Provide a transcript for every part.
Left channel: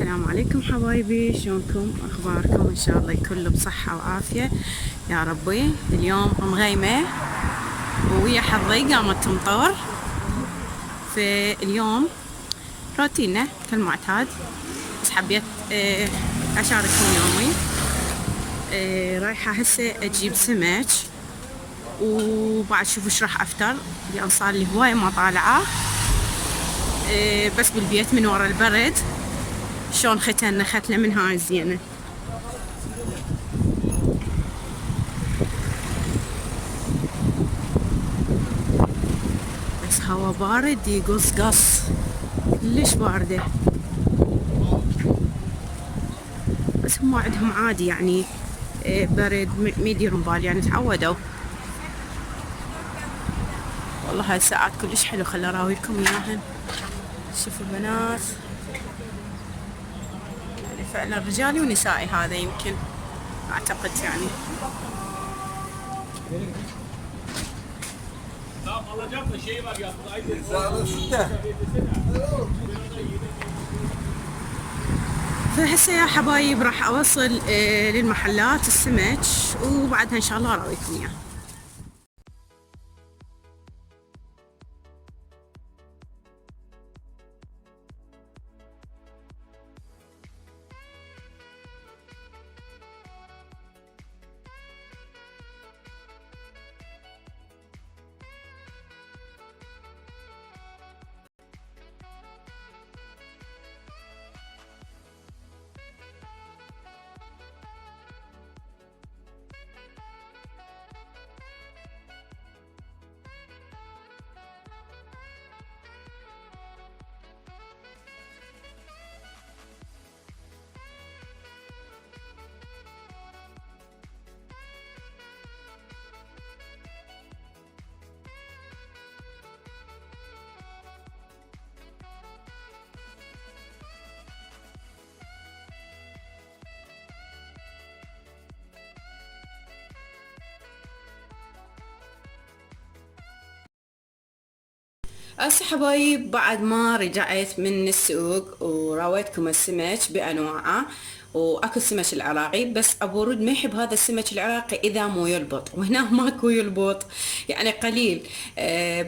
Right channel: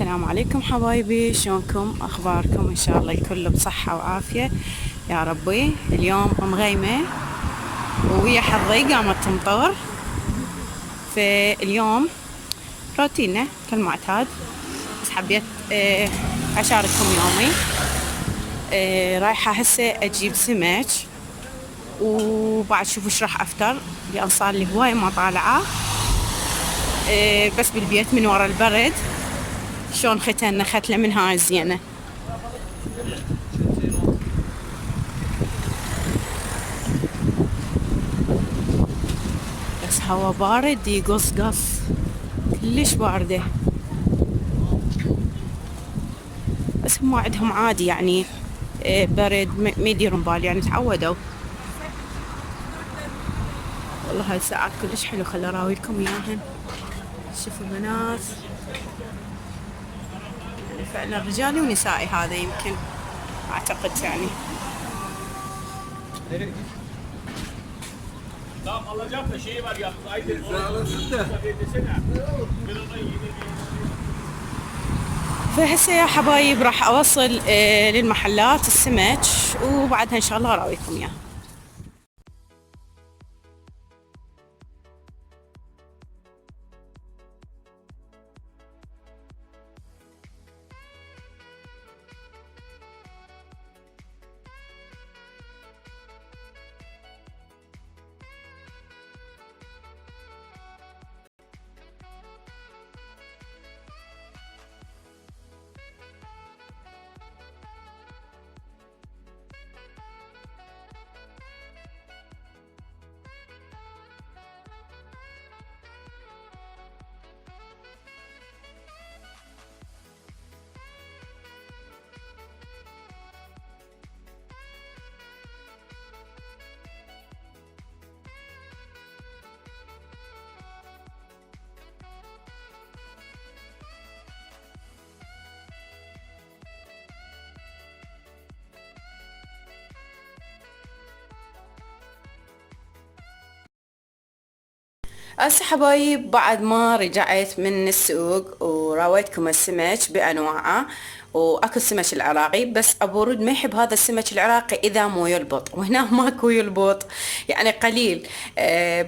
السلام عليكم حبايبي، شلونكم؟ اخباركم؟ ان شاء الله الكل بصحة وعافية يا ربي. اليوم مغيمة ويا حظي قامت تمطر. فاليوم روتيننا كالمعتاد، بس حبيت اشارككم يومي. رايحة هسه اجيب سمك، وبعد شوف ايش راح افطر، لان صار لي هواي ما طالعة. بس بالبيت من ورا البرد شلون ختنا ختلة من هاي الزينة. بس هوا بارد يقص قص، كلش باردة. بس هم عندهم عادي يعني، برد ما يديرون بال يعني، تعودوا. والله هاي الساعات كلش حلو، خل اراويكم اياهن. شوفوا البنات، يعني فعلا رجالي ونسائي هذا يمكن، اعتقد يعني. فهسه يا حبايب راح اوصل للمحلات السمك، وبعدها ان شاء الله اراويكم اياه. هسه حبايب بعد ما رجعت من السوق وراويتكم السمك بانواعه، واكل سمك العراقي. بس ابو رود ما يحب هذا السمك العراقي اذا مو يلبط، وهنا ماكو يلبط يعني قليل.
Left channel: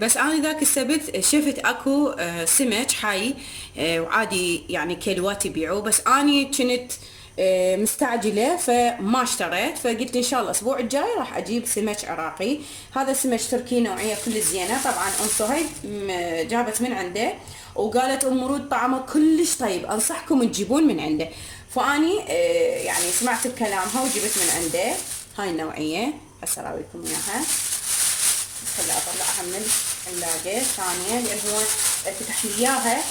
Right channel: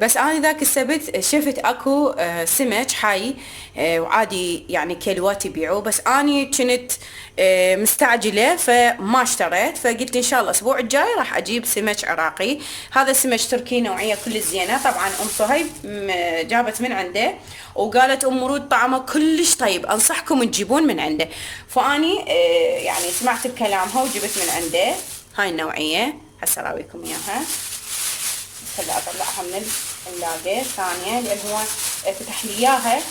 بس انا ذاك السبت شفت اكو سمك حي، وعادي يعني كيلوات يبيعوه. بس اني كنت مستعجلة فما اشتريت، فقلت ان شاء الله الاسبوع الجاي راح اجيب سمك عراقي. هذا سمك تركي نوعية كل زينة. طبعا ام صهيب جابت من عنده، وقالت ام ورود طعمه كلش طيب، انصحكم تجيبون من عنده. فاني يعني سمعت بكلامها وجبت من عنده هاي النوعية. هسه اراويكم اياها، خلي اطلعها من الثلاجة ثانية، لان هو فتح لي اياها.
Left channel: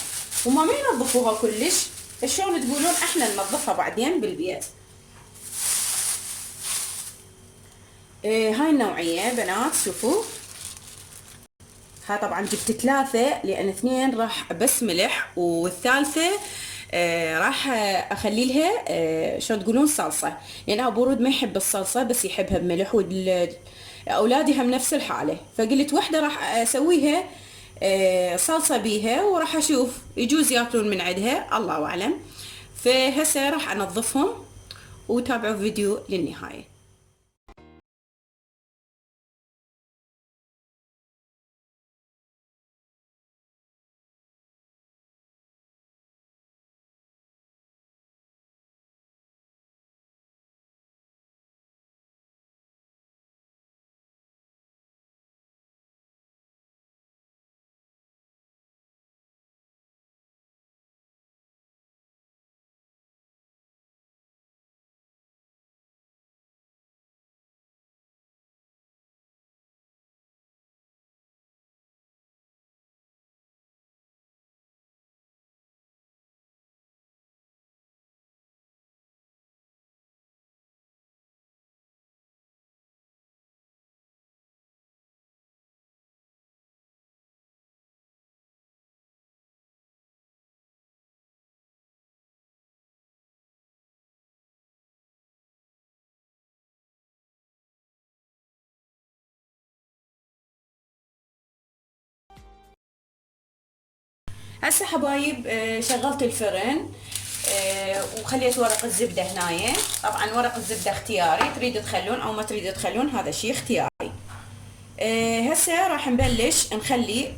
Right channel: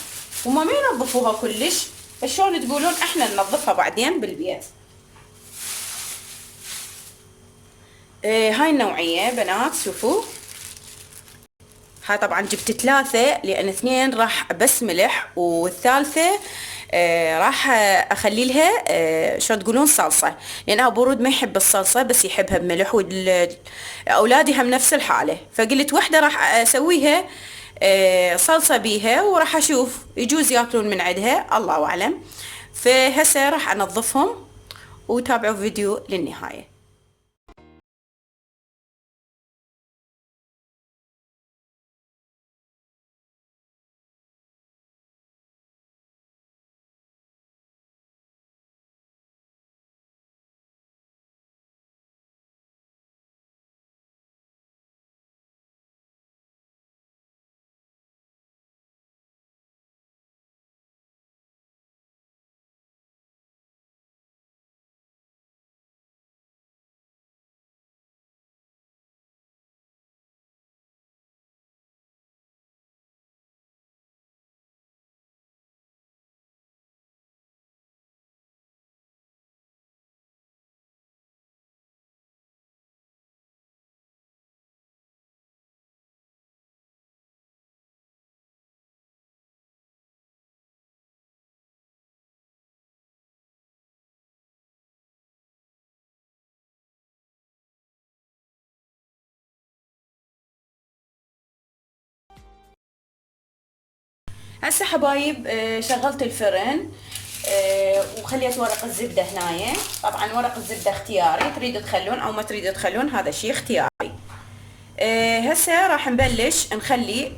هما ما ينظفوها كلش، شلون تقولون احنا ننظفها بعدين بالبيت. هاي النوعية بنات شوفوا. هاي طبعا جبت 3 لان 2 راح بس ملح، والثالثة راح اخلي لها شلون تقولون صلصة، لان ابو رود ما يحب الصلصة بس يحبها بملح، واولادي هم نفس الحالة. فقلت وحدة راح اسويها صلصة بيها، وراح اشوف يجوز ياكلون من عندها الله اعلم. فهسه راح انظفهم، وتابعوا فيديو للنهاية. هسه حبايب شغلت الفرن. وخليت ورق الزبدة هنايا. طبعا ورق الزبدة اختياري، تريدوا تخلون او ما تريدوا تخلون، هذا شيء اختياري. هسه راح نبلش نخلي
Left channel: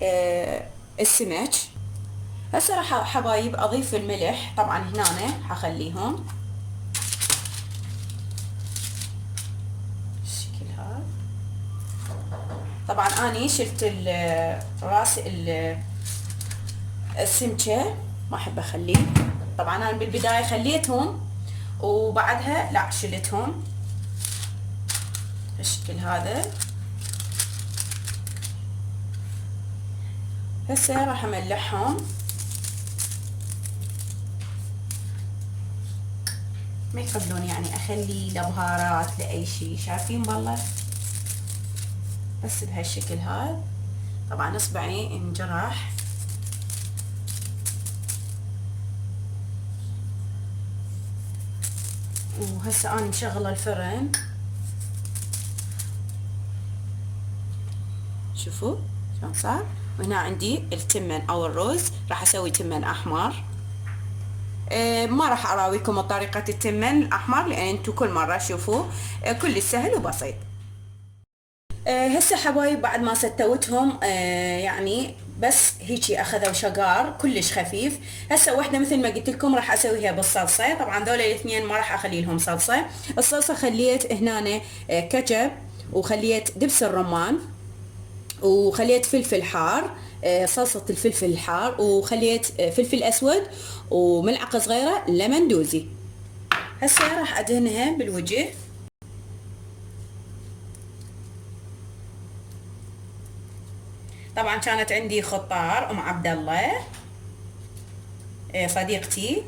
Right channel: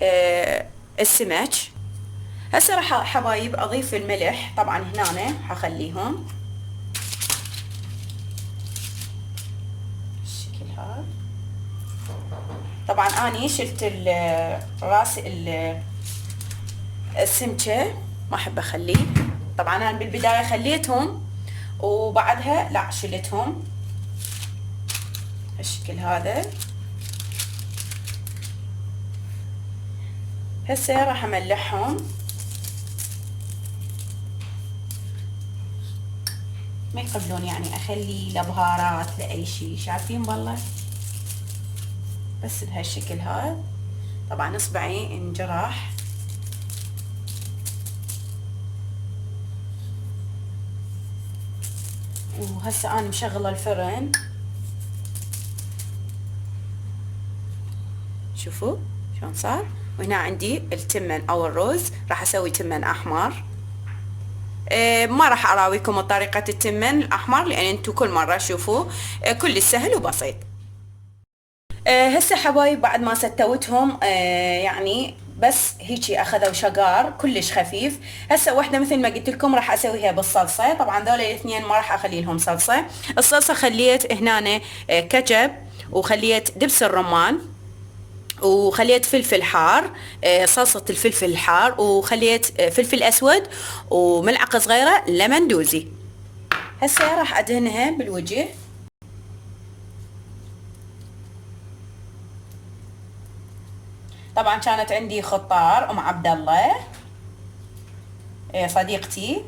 السمك. هسه راح حبايب اضيف الملح، طبعا هنا حخليهم بالشكل هذا. طبعا اني شلت راس السمكة، ما احب اخليه. طبعا انا بالبداية خليتهم وبعدها لا شلتهم بالشكل هذا. هسه راح املحهم، ما يقبلون يعني اخلي لا بهارات لا اي شيء، شايفين بالله، بس بهالشكل هذا. طبعا اصبعي انجرح. وهسه انا مشغله الفرن، شوفوا شلون صار. وهنا عندي التمن او الرز، راح اسوي تمن احمر. ما راح اراويكم طريقة التمن الاحمر لان انتو كل مرة شوفوا كل سهل وبسيط. هسه حبايب بعد ما ستوتهم يعني بس هيجي اخذوا شقار كلش خفيف. هسه واحده مثل ما قلت لكم راح اسويها بالصلصه. طبعا ذول الاثنين ما راح اخلي لهم صلصه. الصلصه خليت هنا كاتشب، وخليت دبس الرمان، وخليت فلفل حار، صلصة الفلفل الحار، وخليت فلفل أسود، وملعقة صغيرة لمن دوزي. هسه راح أدهنها بالوجه. طبعا كانت عندي خطار أم عبد الله صديقتي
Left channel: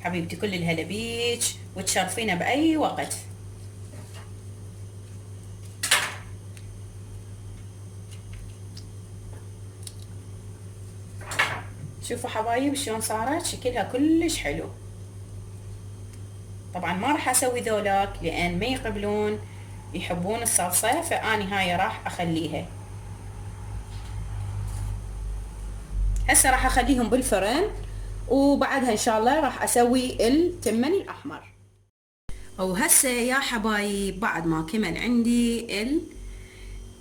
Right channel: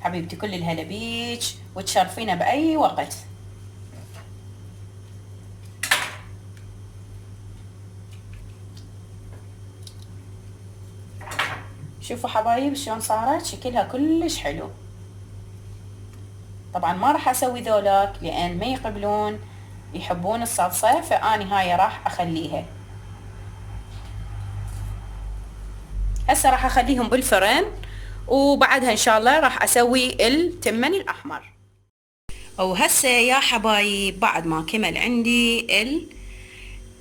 حبيبتي، كل الهلا بيك وتشرفينا بأي وقت. شوفوا حبايب شلون صارت، شكلها كلش حلو. طبعا ما راح اسوي ذولاك لان ما يقبلون، يحبون الصلصة، فاني هاي راح اخليها. هسه راح اخليهم بالفرن، وبعدها ان شاء الله راح اسوي التمن الاحمر. وهسه يا حبايب بعد ما كمل عندي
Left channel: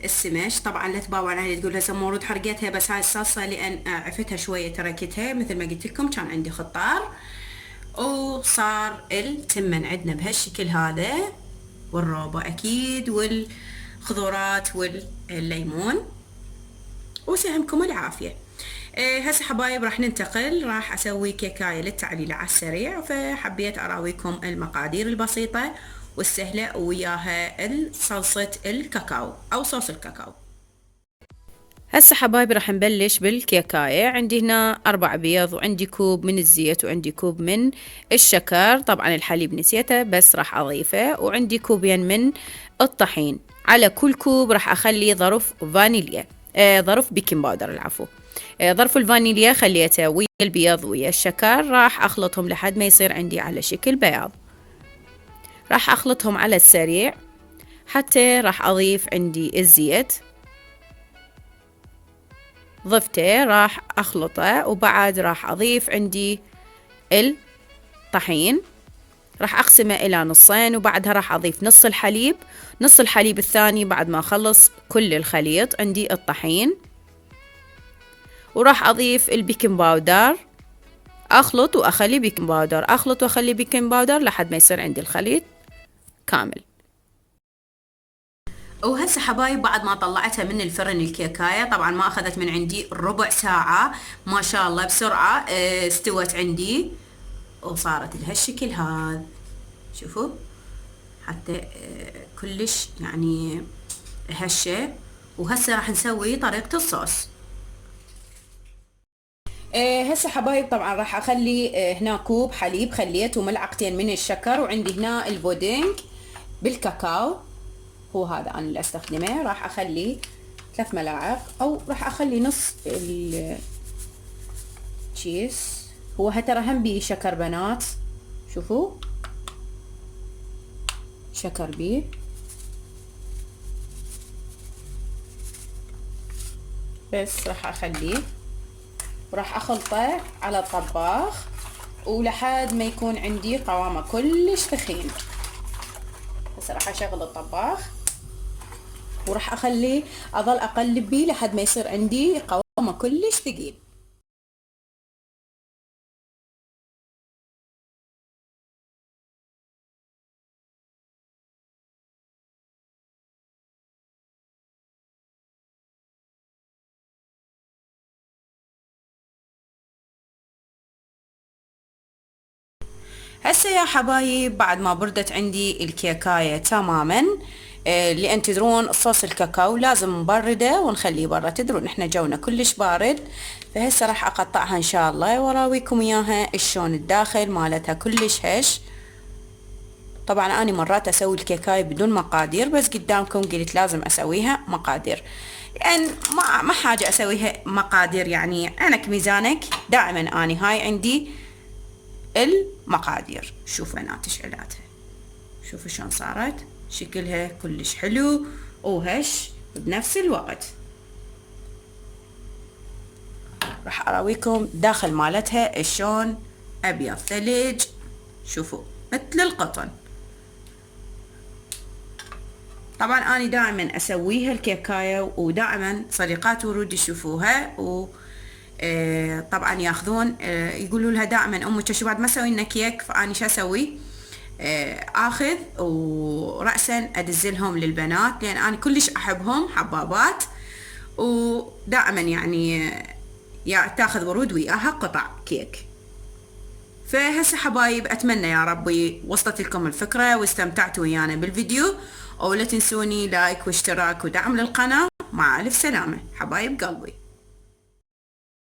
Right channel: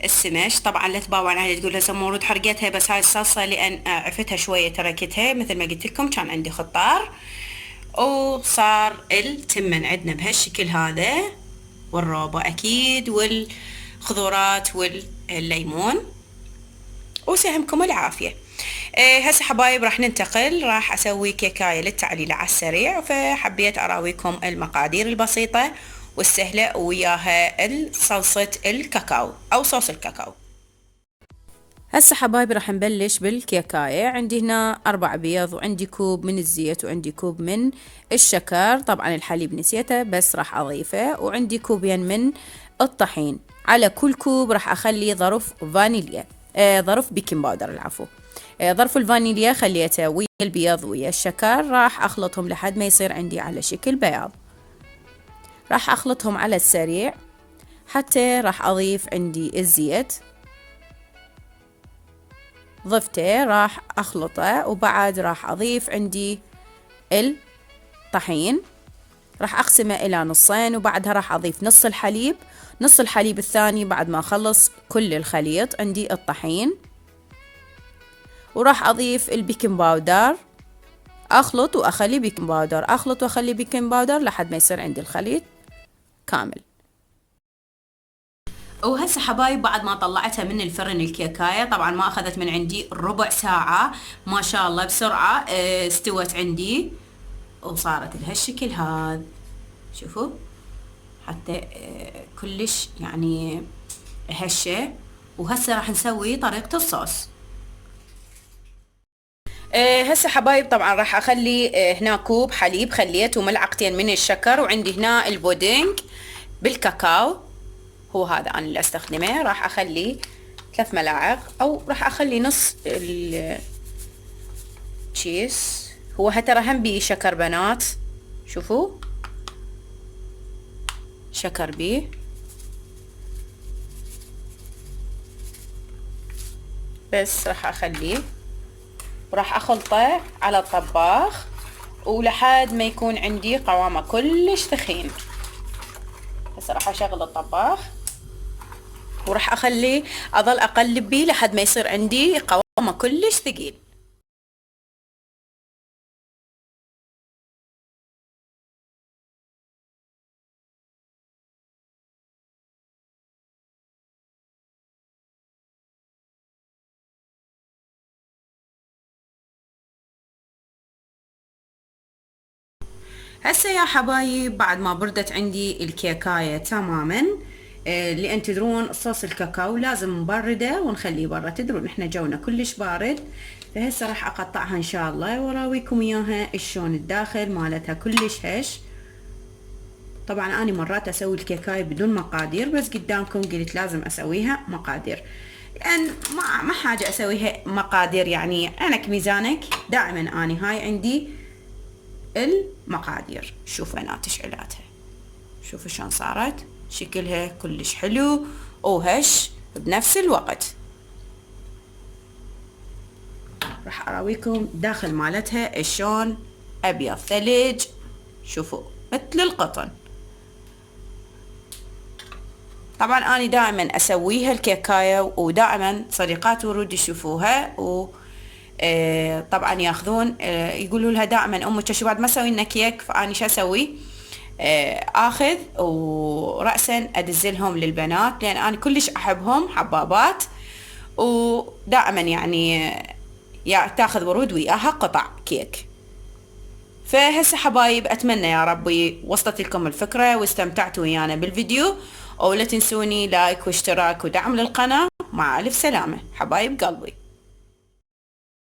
السمش، طبعا لا تباوعون علي تقول هسه مورود حرقتها، بس هاي الصلصه لان عفتها شويه تركتها مثل ما قلت لكم، كان عندي خطار. وصار التمن عندنا بهالشكل هذا، والروبه اكيد، والخضرات والليمون، وسهمكم العافيه. هسه حبايب راح ننتقل، راح اسوي كيكايه للتعليل على السريع، فحبيت اراويكم المقادير البسيطه والسهله، وياها صلصه الكاكاو او صوص الكاكاو. هسه حبايبي راح نبلش بالكيكايه. عندي هنا 4 بيض، وعندي كوب من الزيت، وعندي كوب من الشكر، طبعا الحليب نسيته بس راح اضيفه، وعندي كوبين من الطحين. على كل كوب راح اخلي ظرف فانيليا، ظرف بيكنج باودر العفو. ظرف الفانيليا خليته ويا البيض ويا الشكر، راح اخلطهم لحد ما يصير عندي على شكل بياض. راح اخلطهم على السريع حتى راح اضيف عندي الزيت، ضفته راح اخلطه، وبعد راح اضيف عندي الطحين، راح اقسمه الى نصين، وبعدها راح اضيف نص الحليب، نص الحليب الثاني بعد ما اخلص كل الخليط عندي الطحين، وراح اضيف البيكنج باودر، اخلط واخلي بيكنج باودر، اخلط واخلي بيكنج باودر لحد ما يصير عندي الخليط كامل. وهسه حبايب بعد ما طلعتها من الفرن الكيكايه، طبعا ما اخذت من عندي ربع ساعه، ما شاء الله بسرعه استوت عندي وصارت بهالشكل هذا. شوفوا حتى كلش يعني هشه. وهسه راح نسوي طريقه الصوص. هسه حبايب طبعا راح اخلي هنا كوب حليب خليت، وملعقتين من الشكر، وعندي هنا البودينج بالكاكاو، هو هذا انا اللي استخدمه. راح اخلي 3 ملاعق، او راح اخلي نص التشيز. هو ترى هم بيه شكر بنات، شوفوا شكر بيه. بس راح اخليه وراح اخلطه على الطباخ ولحد ما يكون عندي قوامه كلش ثخين. هسه راح اشغل الطباخ وراح اخليه اظل اقلب بيه لحد ما يصير عندي قوامه كلش ثقيل. هسه يا حبايب بعد ما بردت عندي الكيكاية تماما، لأن تدرون صوص الكاكاو لازم نبرده ونخليه برا، تدرون احنا جونا كلش بارد. فهسه راح اقطعها ان شاء الله واراويكم اياها شلون الداخل مالتها كلش هش. طبعا اني مرات اسوي الكيكاية بدون مقادير، بس قدامكم قلت لازم اسويها مقادير، لان ما حاجة اسويها مقادير، يعني عينك ميزانك. دائما اني هاي عندي المقادير. شوفوا انا تشعيلاتها، شوفوا شلون صارت، شكلها كلش حلو وهش بنفس الوقت. راح اراويكم داخل مالتها شلون ابيض ثلج، شوفوا مثل القطن. طبعا اني دائما اسويها الكيكايه، ودائما صديقات ورود يشوفوها و طبعا ياخذون يقولوا لها دائما امك شو بعد ما سوي لنا كيك. فاني شو اسوي؟ اخذ وراسا ادزلهم للبنات، لان انا كلش احبهم حبابات، ودائما يعني تاخذ ورود وياها قطع كيك. فهسه حبايب اتمنى يا ربي وصلت لكم الفكره واستمتعتوا ويانا بالفيديو، ولا تنسوني لايك واشتراك ودعم للقناه. مع الف سلامه حبايب قلبي.